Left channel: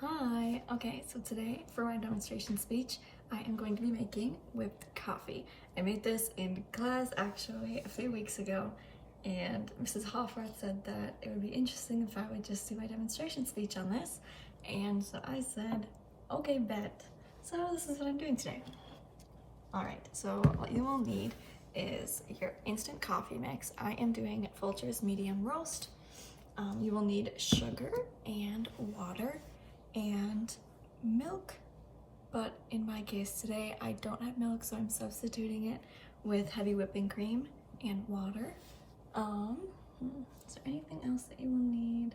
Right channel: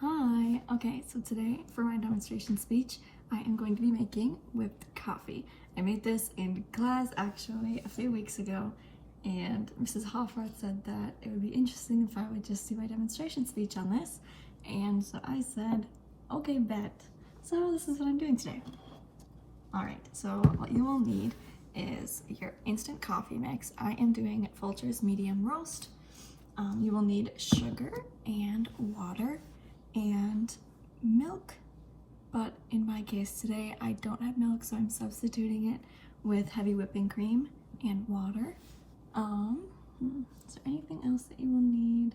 Hi! Okay, so today for my demonstration speech, I am going to be making whipped coffee. I made this in class actually a few weeks ago, and Mrs. Hoffworth said that it would be interesting if I would just do my demonstration speech on this, and so I said, okay, bet. So this is what I'm doing today. Alright, so what you will need is your instant coffee mix. I am doing Folgers medium roast. You will need sugar and water and milk, but in my case today I don't have milk, so I'm substituting it with heavy whipping cream and water. Is there anything else that you will need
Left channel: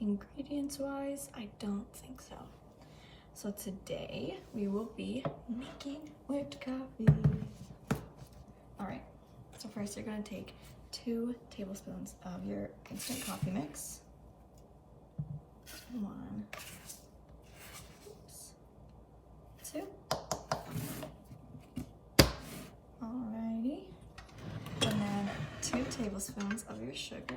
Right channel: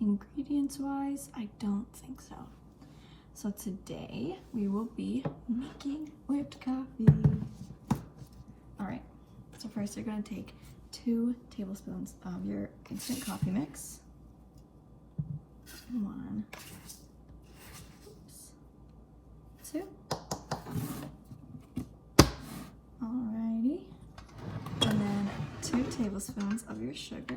ingredients wise? I don't think so. So today we will be making whipped coffee. Alright, so first you're going to take 2 tablespoons of your instant coffee mix. 1, 2. Alrighty. And then 2 tablespoons of your sugar.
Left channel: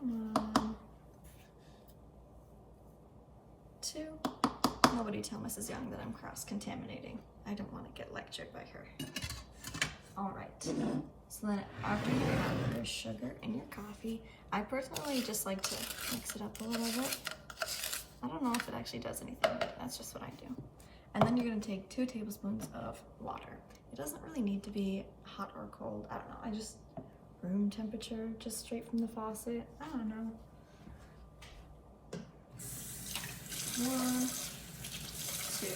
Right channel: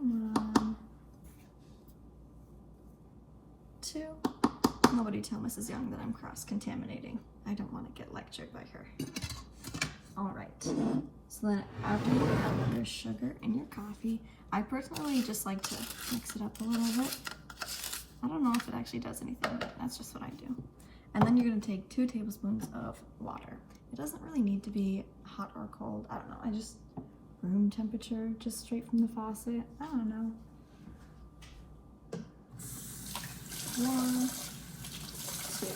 1, 2. Nobody tell Mrs. Young that I'm cross-contaminating. I don't want to get lectured by her. Alright, so then after you have your sugar and your coffee, I personally just like to mix it up a little bit. I don't know if it actually does anything, but that's just what I do. And then you're going to take 2 tablespoons of water. It doesn't really need to be hot or cold. I don't know. I just room temperature, just straight from the faucet. I don't know. 1, 2.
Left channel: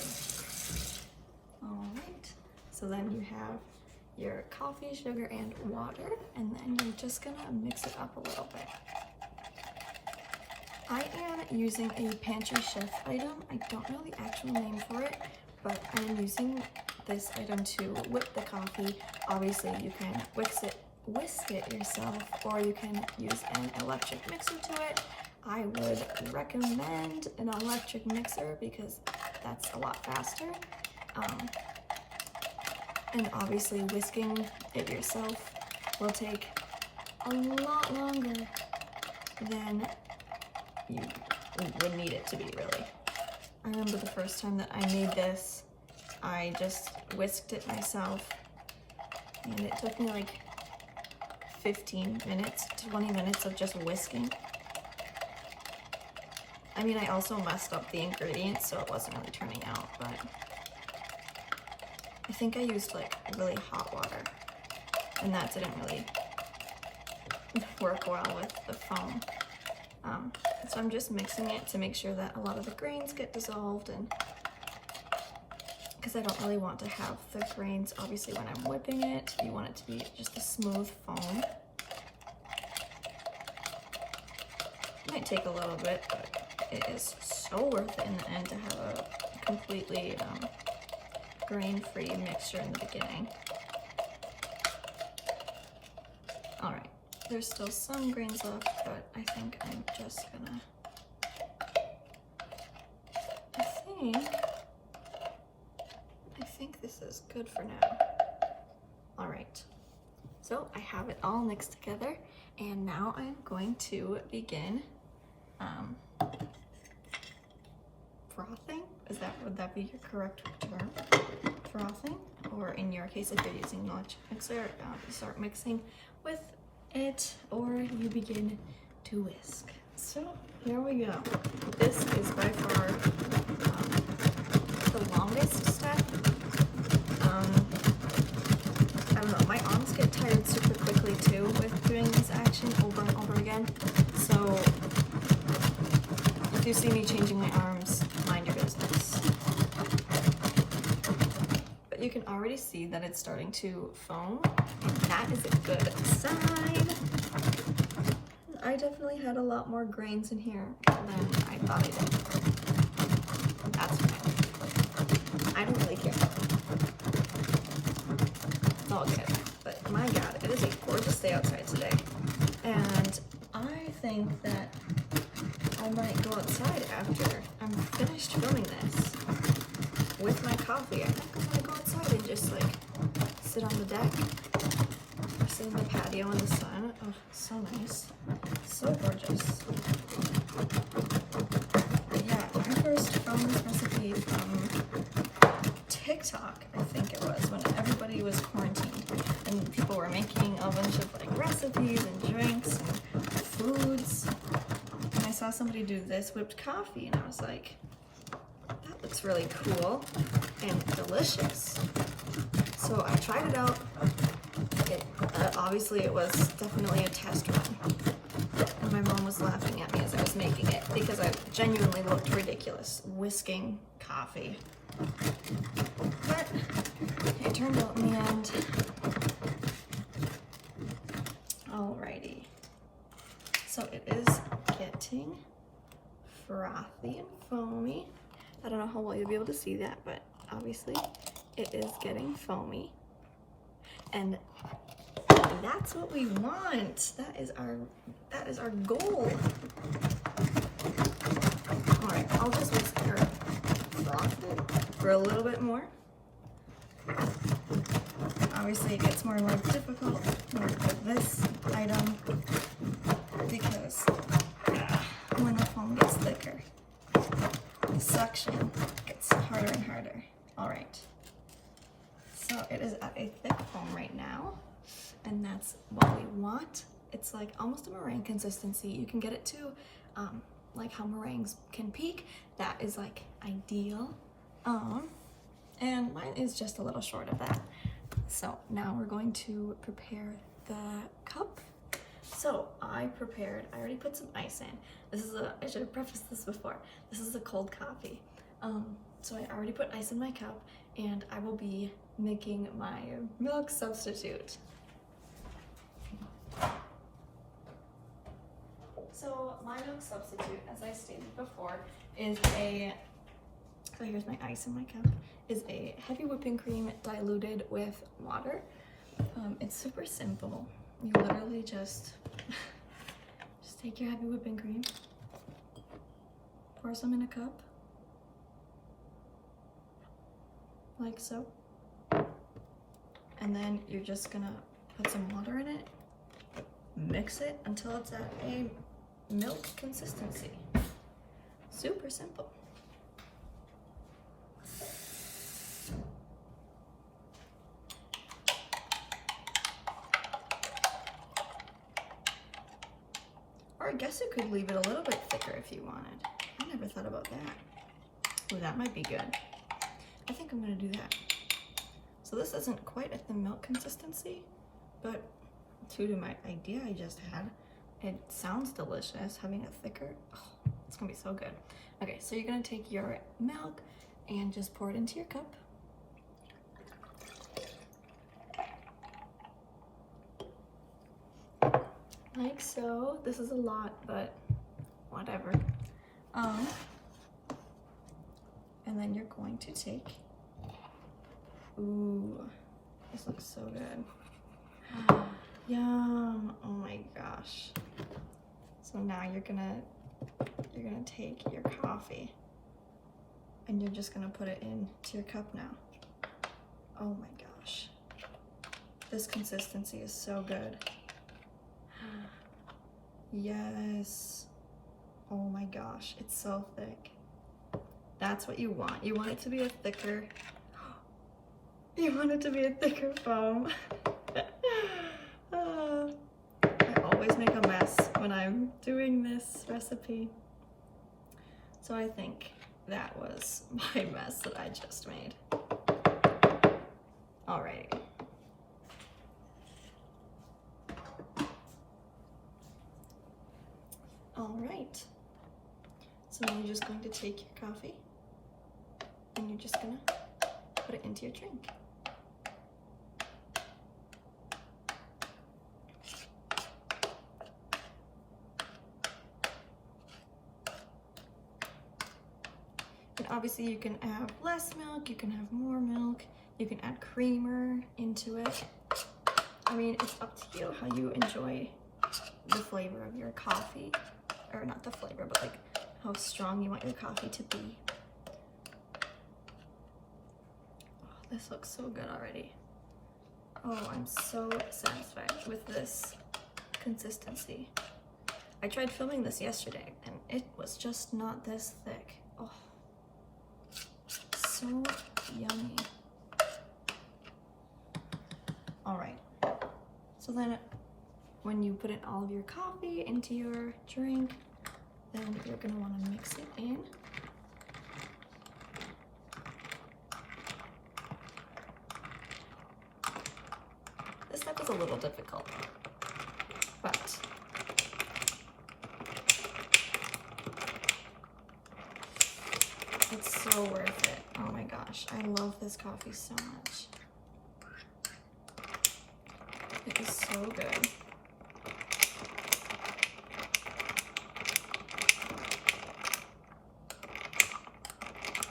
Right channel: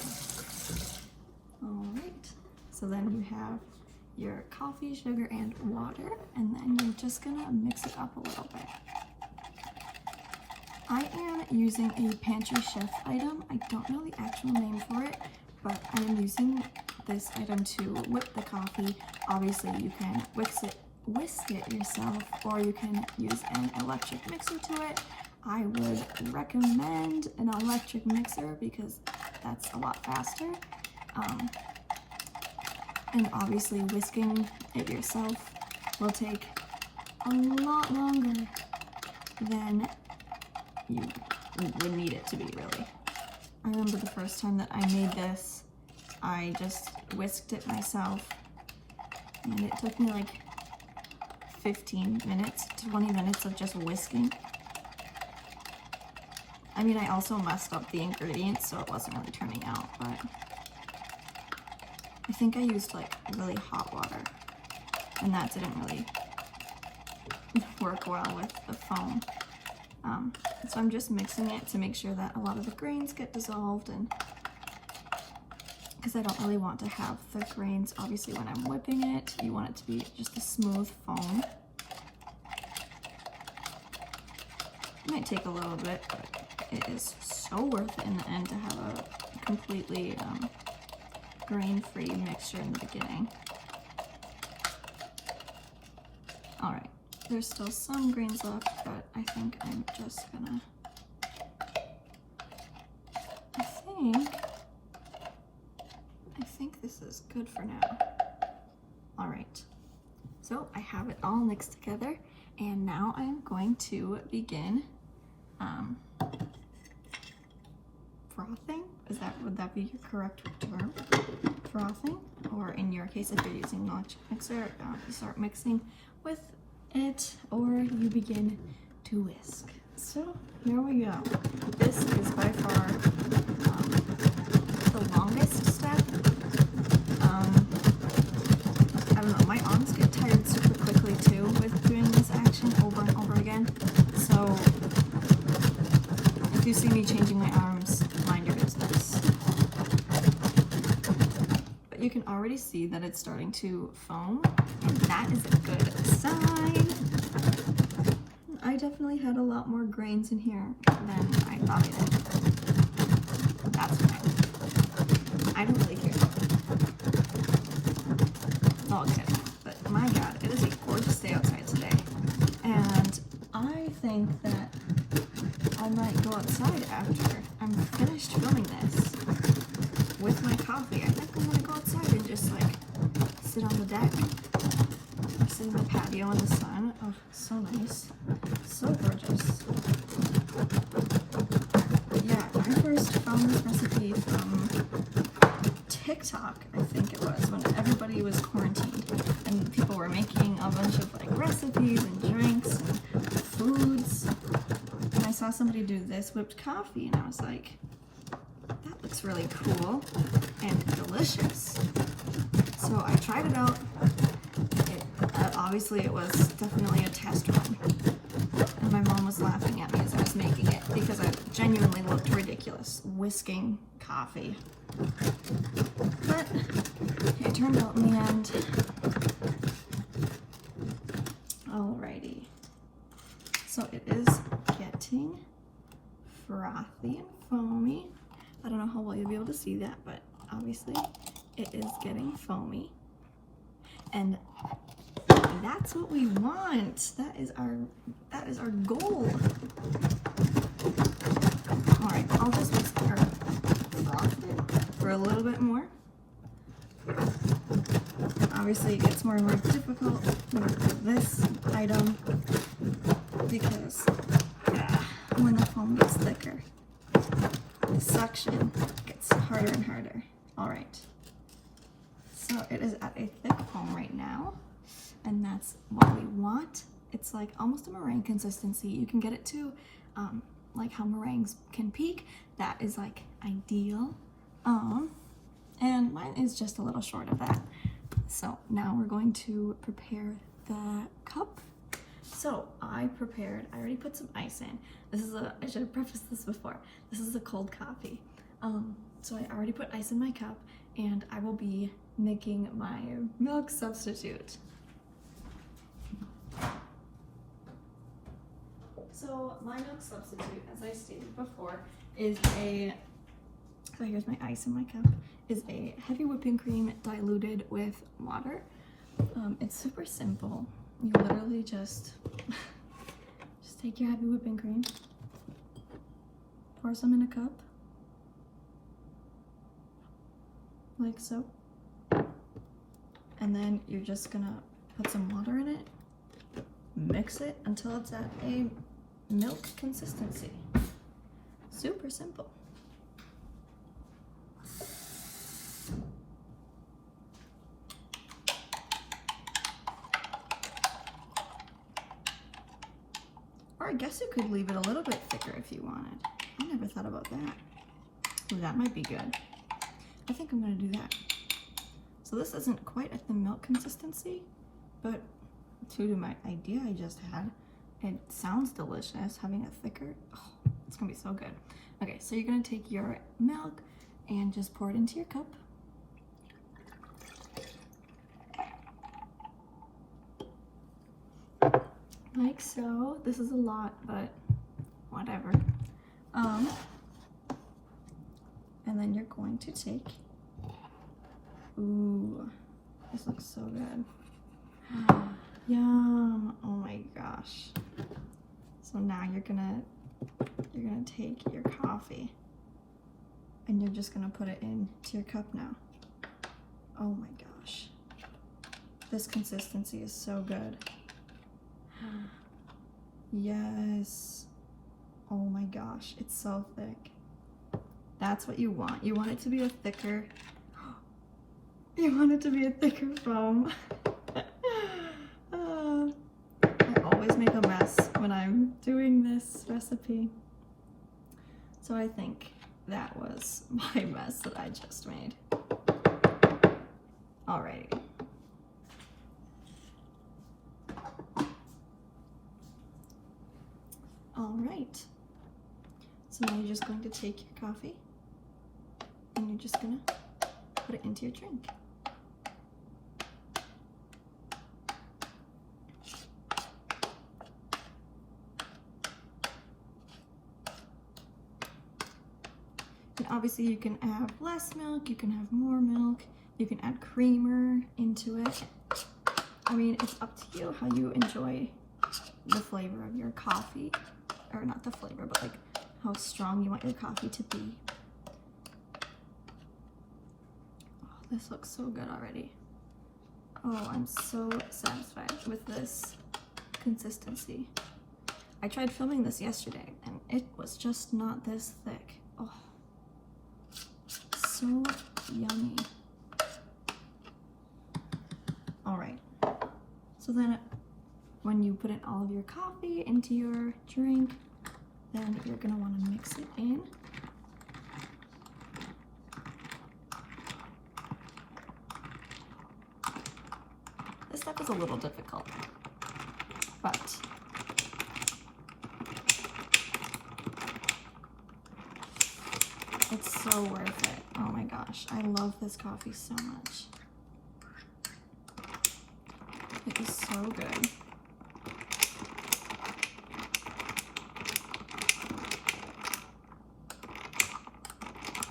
Alright, so then you have your coffee, sugar, and water, and then you're just gonna mix it up a little bit. I am using a Pantry Chef item. I don't know the actual name for it, but I am using this item to whip the coffee. Obviously, you can whisk it yourself, or you can use an electric mixer to it. I would recommend an electric mixer because that's a lot faster. And obviously whisking it yourself will take a lot longer than you would need it to be, really. I remember the first time that I made this, I just whisked it myself, and it took me like 15 minutes, 20 minutes of just whisking. I mean, I also messed up the ingredients, so it wasn't really turning out, but I think I used like really hot water, and that didn't really work well with the foam. So I'm just mixing it to make sure that a lot of the grains get dissolved, and because I don't really want to have the grains, obviously when I'm whipping it, you want it to be just a smooth foam. It might take a little bit, but it is so worth it in the end to have a completely grain-free mixture in the beginning. Alright, there's still some grains left, but I think I'm just gonna, I think this is good for now. Alright, so I have it all mixed together, and now I'm going to begin frothing. Would that be your correct term? Frothing, or in your case, if you're using an electric mixer, you start mixing with it, or you begin to whisk. So here we go. This is by far the longest step. I don't know, my arms get tired super quickly too with doing this action over and over again. So if you see me changing my arms, mind your business. But you can already see that it's starting to foam, and that is a good sign. I definitely had a lot more grains in here than I thought I did. That's fine. I don't really care. Okay, but my god, it is a gorgeous day outside today. And I think that I might go outside after I'm finished filming this with my coffee. I think I'm gonna go outside and just like sit on the deck. I'm sitting on the patio in the sun. Oh, so nice. So gorgeous. Yeah, I first found this recipe from TikTok, I think it was, when everybody was quarantined and people were making a bunch of like recipes and drinks and foods. And I saw somebody do this whipped coffee and I was like, that looks really cool and delicious. So I tried it out. Obviously it was definitely a test run. And my mom was laughing at me as I was making it because I genuinely looked ridiculous whisking coffee. But it turned out in the end. Alrighty. So it is getting frothy and foamy. I don't know how well you'll be able to see that, but obviously it is getting foamy. And that's what we want. That is our goal. All right, I'll just mix our froth for a little bit more. Obviously, it gets more and more difficult with this item because when the foam gets thicker, the suction gets harder and harder. All right. So it is at a thick foam right now. And that's what we want. It's like almost a meringue consistency. You can get it to like how meringues can peak. That is like ideal. And mine is just a little short of that. So now we're going to prepare the cup. So I already put some ice in. I should have prefaced this before. This is a cold coffee. So I already put ice in my cup and I will be making my milk substitute. So my milk substitute, as I stated before, is here's my ice in my cup, is a heavy whipping cream diluted with water. It's super simple. You literally just take your heavy whipping cream, pour some in a cup, like so, and then you're just gonna put some water in it, mix it until it's at a milk consistency. Super simple. Or I guess you could leave it a little bit thicker if you wanted. I never thought about that. Oh, that might be good. I think I'm gonna do that. So this isn't quite at the milk consistency, but true to my idea I just had, it sounds delicious having it thicker. Oh, it's gonna be so good. Okay, so you're gonna take your milk and just pour it into your cup. Like so. This is a lot, but whatever. And then you're going to take, ooh, this looks so good. Yum, oh my gosh. So now you're gonna take your coffee and you're just gonna put it into your cup now. Oh my gosh. This consistency is so good. Yes. Oh my gosh, it's so thick. That's what you want. You want it to be a thicker, foam. I always make a mess when I'm doing this recipe. So I think that was my mess that I just made. Alrighty. Alright. So now you're just going to take your coffee and you're just gonna put it into your drink. And obviously you can have less milk, you can have more milk, you can add creamer into it. I mean, it's up to you how you enjoy the flavor of your coffee. Or not the flavor, but like how strong you want your coffee to be. Oh, this looks so good already. Oh, I'm so satisfied with this consistency. I tried filming this yesterday and it was just not this thick. Oh, so yummy. All right, so then when you put in all of your coffee into your drink, then you're gonna wanna mix it in. This step is a little difficult, but it's so worth it. Oh my gosh, I love this coffee so much. It is so good.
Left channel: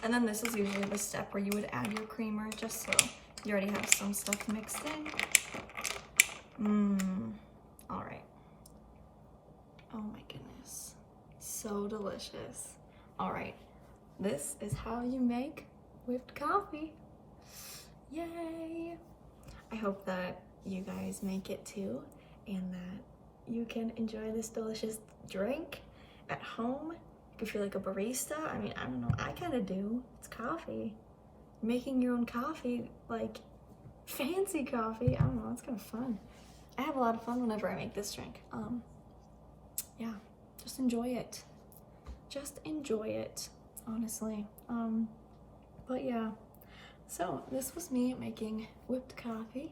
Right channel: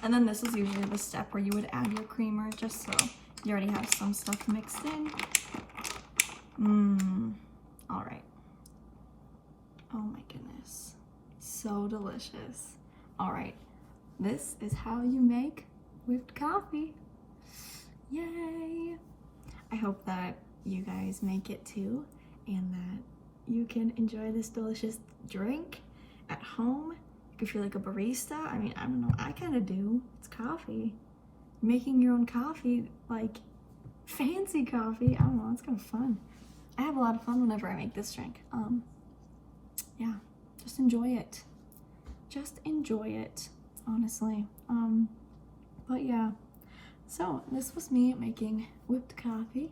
And then this is usually the step where you would add your creamer just so you already have some stuff mixed in. All right. Oh my goodness. So delicious. All right. This is how you make whipped coffee. Yay. I hope that you guys make it too and that you can enjoy this delicious drink at home. If you feel like a barista, I mean, I don't know, I kind of do. It's coffee. Making your own coffee, like fancy coffee, I don't know, it's kind of fun. I have a lot of fun whenever I make this drink. Yeah, just enjoy it. Just enjoy it, honestly. But yeah, so this was me making whipped coffee.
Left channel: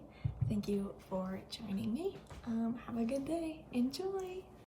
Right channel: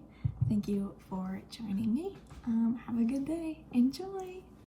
Thank you for joining me. Have a good day. Enjoy.